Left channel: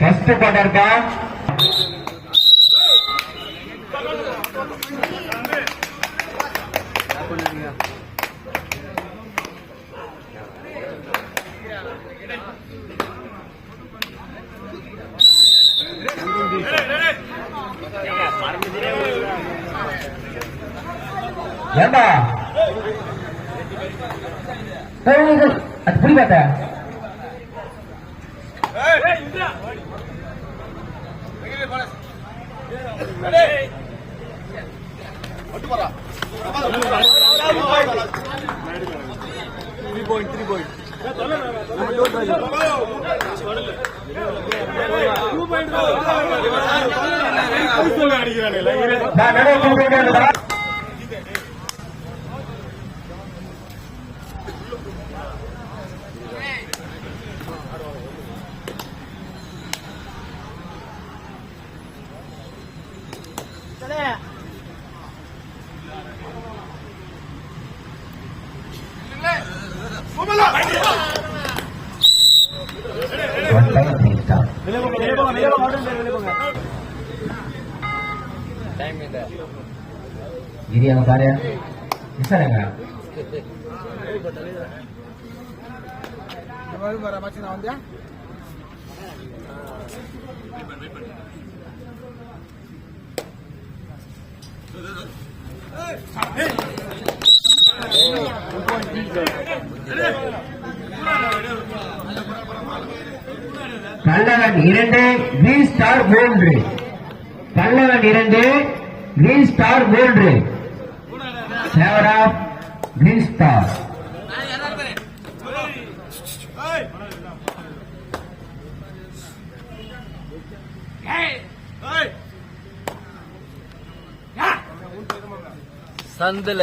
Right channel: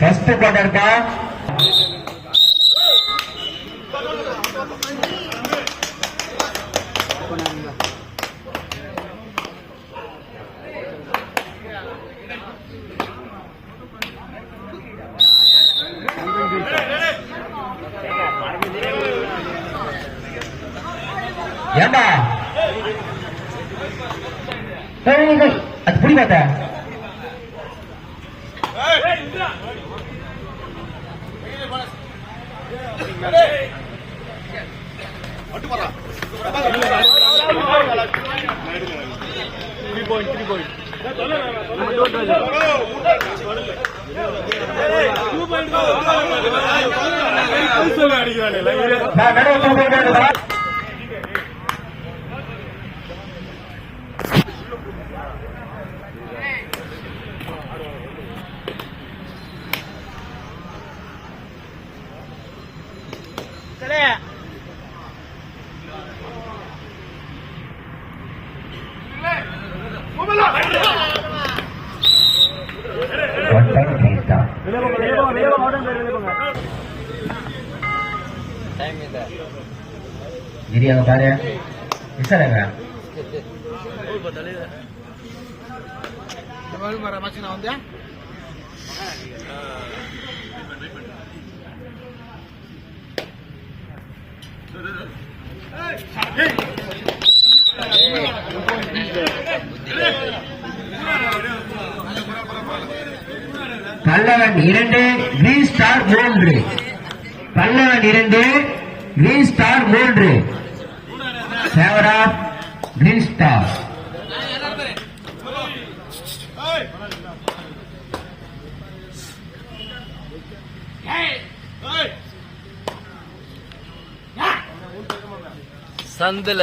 First cover का நான் गिरिया उतारे कैसा रहेगा Hey! கல்லவன் இரண்டு வி ஸ்டார் மூன்று. கல்லவன் இரண்டு வி ஸ்டார் மூன்று. ஃபேவர் ஆஃப் கிரீன் ஸ்டார் சந்தில.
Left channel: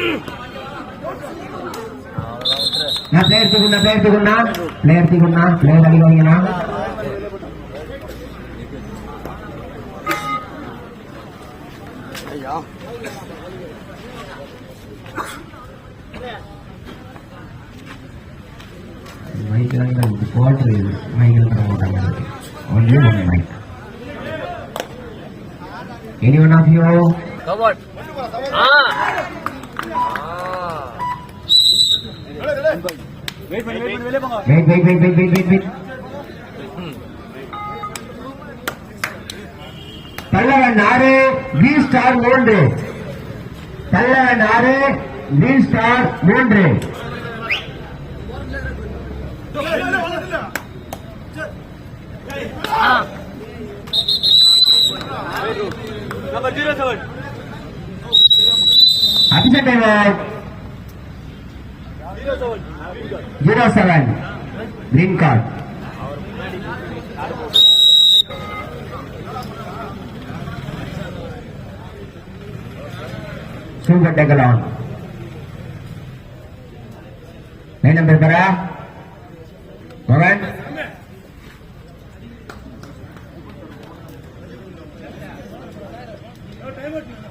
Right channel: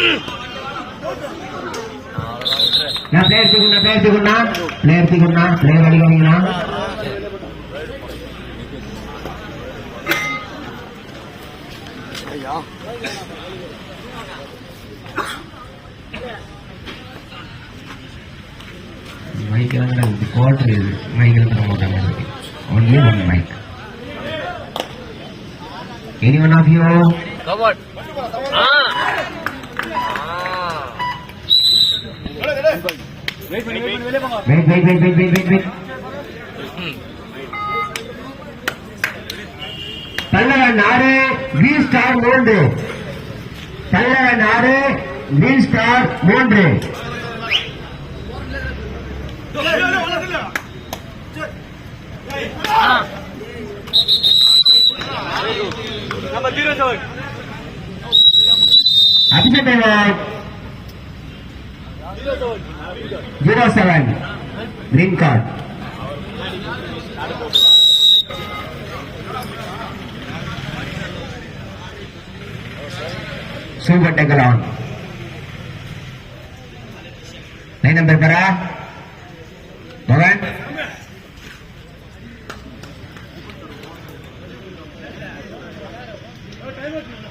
Player Tiguna, Player Tiguna, Player Tiguna, Player Tiguna. Anyone of you? Come on. Ah. Wait wait wait wait wait wait wait wait पहला नारे V star मूं पहला नारे वी स्टार मूं Come on, give it to him. అతిపెద్ద zero seven green card సూగడ్డ ground nine number కదా seven Thank you.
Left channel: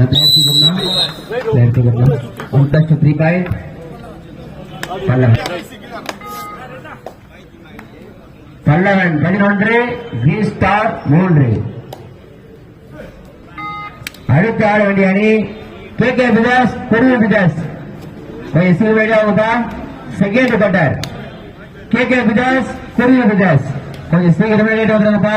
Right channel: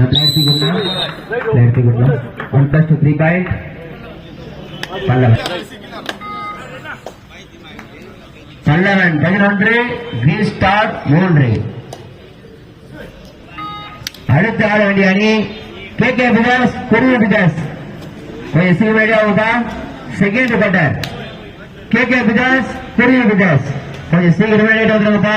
Player की गणना प्लेयर की गणना उनका छुट्टी पॉइंट ಚಳ್ಳವನ್ பதினொன்று வி ஸ்டார் மூன்று அடுத்த ஆள வேண்டிய அணி கே கே விகாஸ் குரு விகாஸ் எஸ் மேலே होगा second cutter K K Vikas Guru Vikas கொஞ்சம் சீக்கிரமே லேட் வந்துருங்கப்பா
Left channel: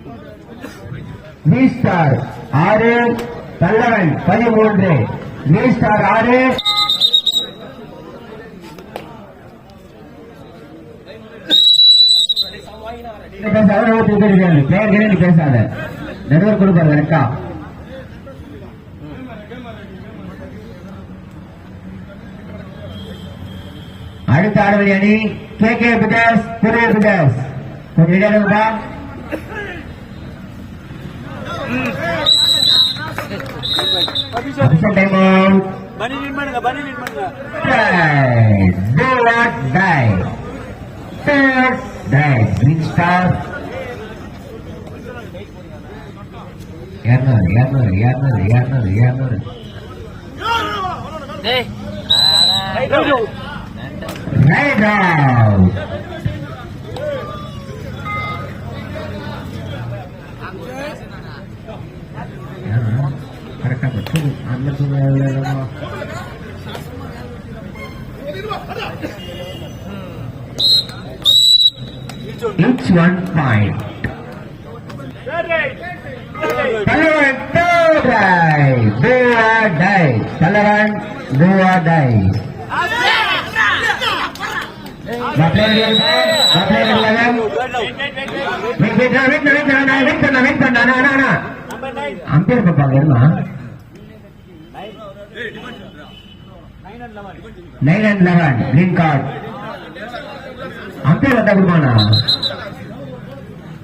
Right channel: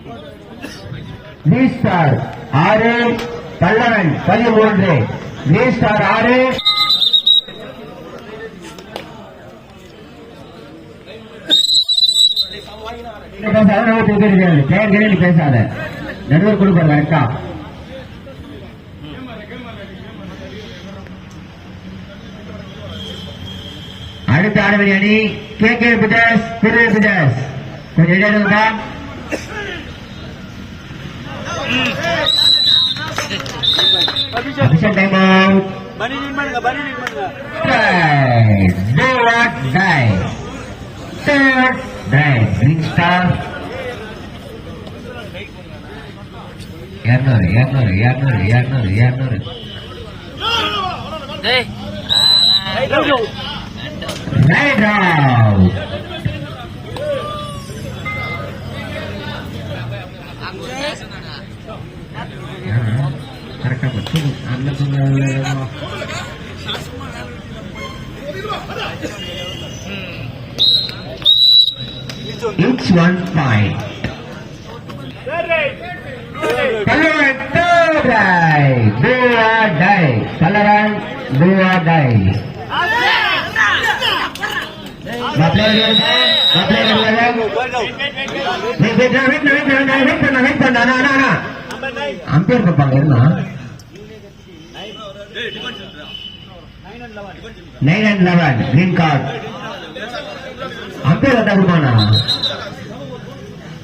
ஒரு ஸ்டார் ஆறு பல்லவன் பதிமூன்று கிரீன் ஸ்டார் ஆறு. பெயர்களே பேசாத. நடுவர் கொடுப்பார் கரெக்டா அடுத்த ஆடுபடி அணி கே கே பிடஸ் திரு பிடஸ் கொஞ்சம் Banilin man nga, banilin man nga. Five, zero, five. Third, nine, green star. Yan na, yan na, yan na, yan na, yan na. Hey! Hey, go, go! Right on! one side. Third right, do or die. Talaran, do or die. Umpire nine and eleven green card umpire அதான்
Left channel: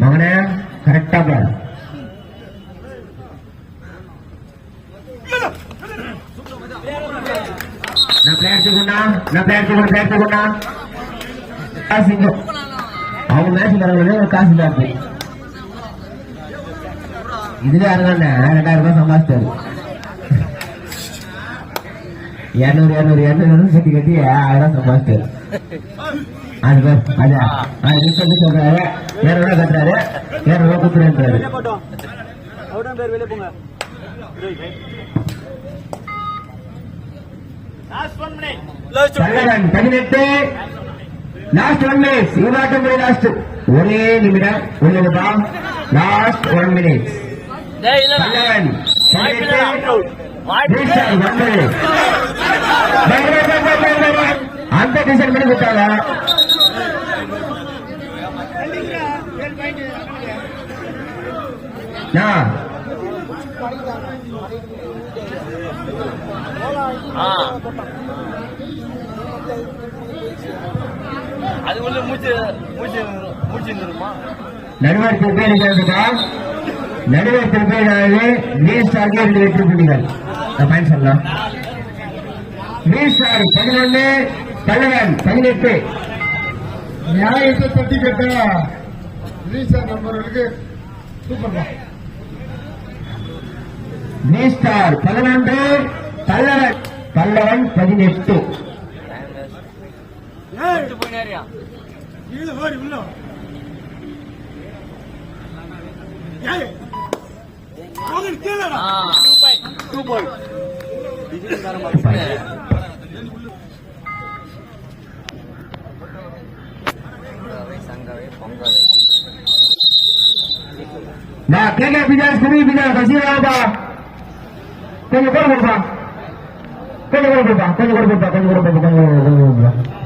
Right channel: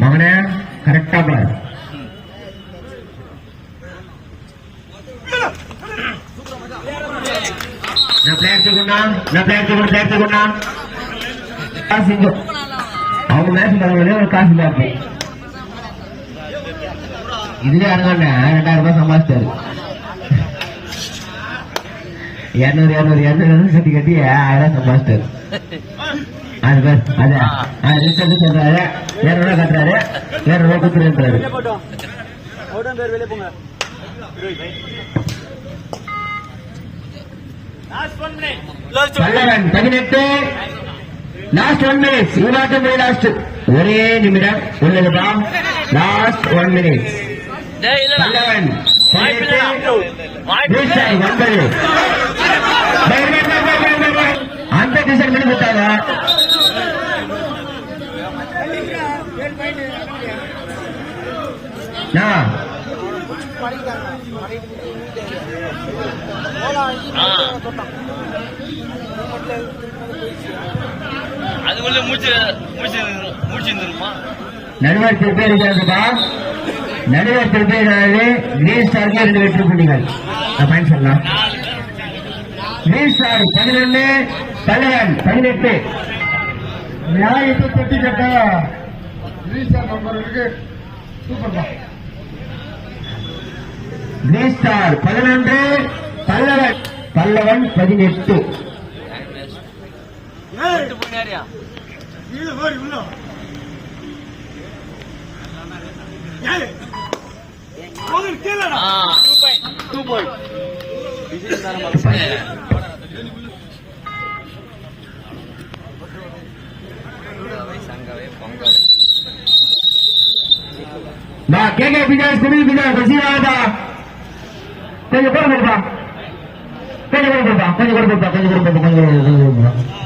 மகனே கரெக்டா பார் நான் player தூக்குனான் நான் player தூக்குன player தூக்குனான் காசு இல்லை அவங்க match வாங்கினதே ஒரு காசு மேட்ச் இதுவே அனுபவம் ரெண்டாயிரம் ரூபாய் சம்பாதிச்சாரு இருநூறு இரநூறு இரநூறு கட்டி கட்டி ஆயிரம் சம்பாதிச்சாரு அது பேர். அதான். நான் லிஸ்ட் எடுத்து பதினெட்டு லாஸ்ட் ஒன் மினிட்ஸ் இது மட்டும் லாஸ்ட் ஒரே நிமிடம் உள்ளது தான் லாஸ்ட் ஒன் மினிட்ஸ் பல்லவன் அந்த டிசைன் பண்ணி ஆ. அதுக்குள்ளே மூச்சு மூச்சு மூச்சு வந்துருமா? பதினொன்று தலைவன் பதினெட்டு. நியாயத்தை பதினெட்டு. Two point Nah, kena bina sini bina bersih ada. Kau juga berapa? Kau juga berapa? Kau juga berapa? Kau juga berapa? Kau juga berapa?